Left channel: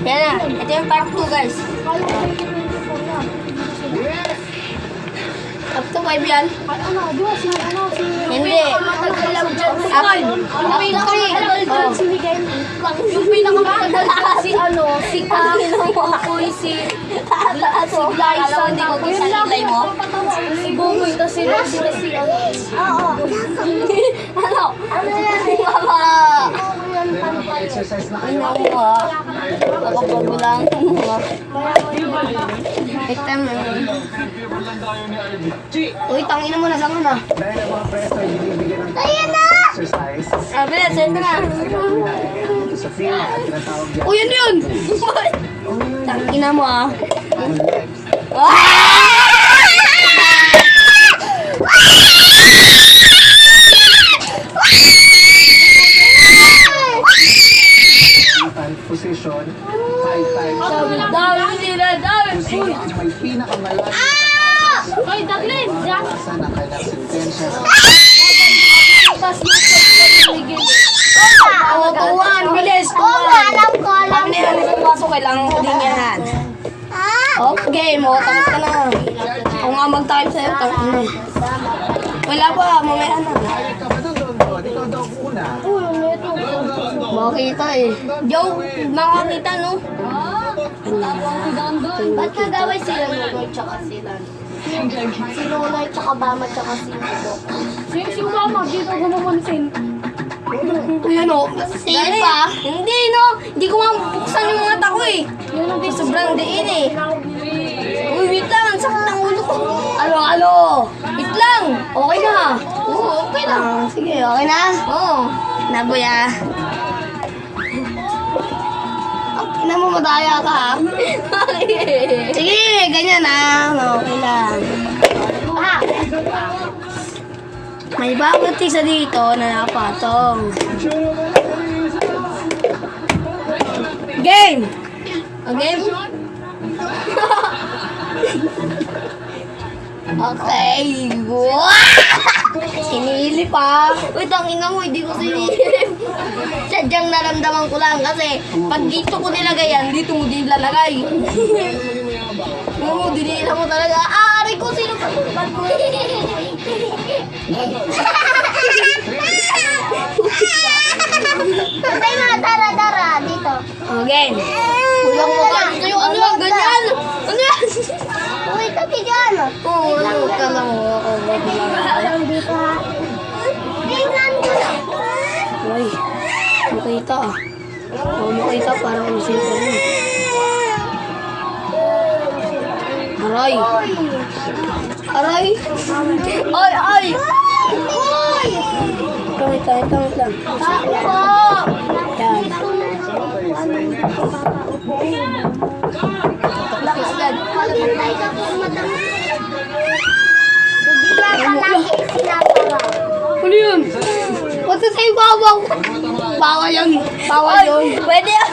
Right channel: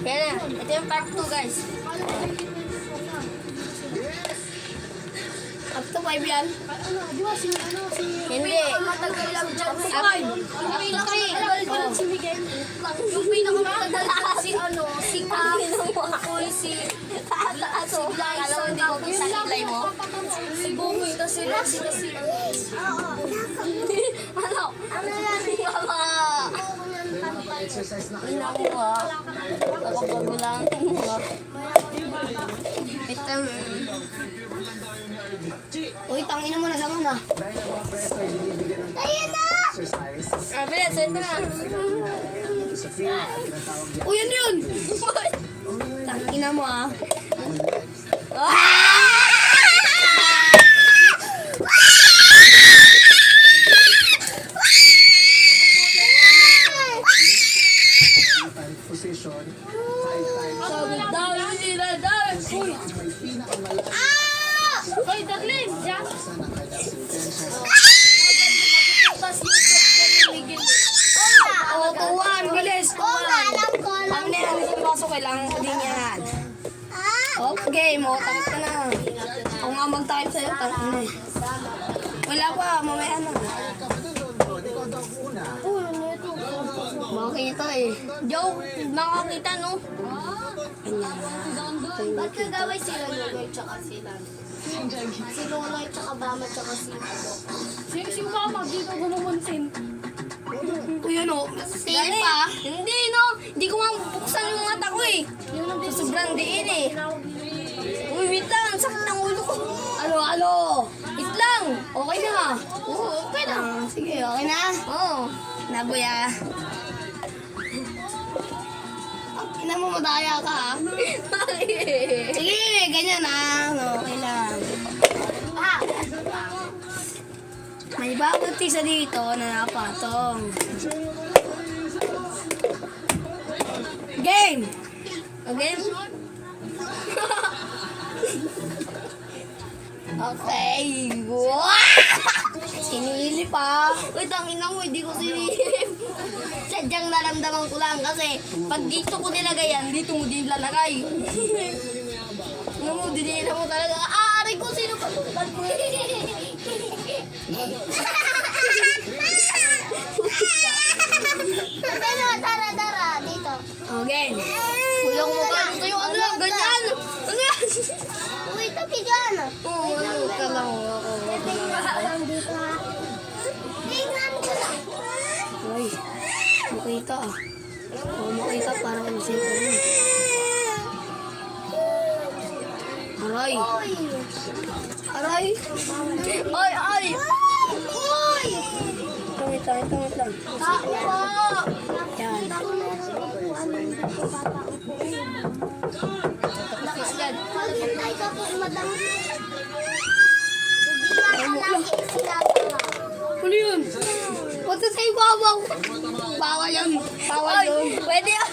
Yan na. Ito yung part 2, guys. Up to 5 yan. Hindi. Matagal lang dyan. Yung pinakamatagal dyan si si Kang, si Kukoy, si Liza, Hindi ko kisalilay mo. si Bumoy, tas si Rosie, tas si Oo. Ano? Mama. Ina mo ha. Nakapagulang mo. Ito mo. Uy, tangina mo na sa na. Ayan na! Sabi, send na. Uy, yun yun! Tangina mo ah. Position, 5 times. Dami nila, dami. Sino ang may pinakamalalim Hoy, Daglin, Jack. sa na kailang sentensya. Tas yung Oo, tuwan, bilis. Alam ko. Kami na yan, isang baso, kailangan ko din yan. Okay, mo, tapos ka na. Ako nga mag-time sa'yo, tapos na. Wala pa, mamaya na. Ikaw ba doon? Ikaw daw una. Makita eh. Joke, makakita no? Ba't nagaway sila Nonoy tsaka sila? Si Nonoy tsaka Bama tsaka si Nico. si Mama, dito gumamansin. Uy, ano? Safe pa? Hindi no, hindi ko mabuksan yung mata ko eh. Sobrang diin eh. Uy, wait lang, sakit ang ulo ko. Alo. Wait lang, okay na. Oo, okay lang. Sige, okay na? Oo. Naboy ah. Na mo madaya ka ha? Sige, ganyan na. Okay lang. May bawat isa dito na napatong. Game! Game? Okay. Sinili pa. Uy, tangina mo, hindi ko sinilip. Sadyang naramdaman ko lang kasi pag dito ko nilagay yan, dito mo din lalagay. Oo, dinila mo talaga. Aray ko, sino pa? Patay mga dara-dara dito. Okay. Kulang mo ka. Ito yung ano yung ganyan. Ano yan? Uy, tabi dyan. Oo, ano ka lang ako. Alam dito ha. Tingnan ko lang. Uy, makita ah. Oo, makita parang usin ko rin. Aray. Aray. Ay. Uy! Wait lang. Ako! Yan. Lakas yan. Maghintay ka kung madami. Bigyan ka lang sinatara. Ano yun? What's the same bawang? Bawal yun. Bawal yun. Pwede yan.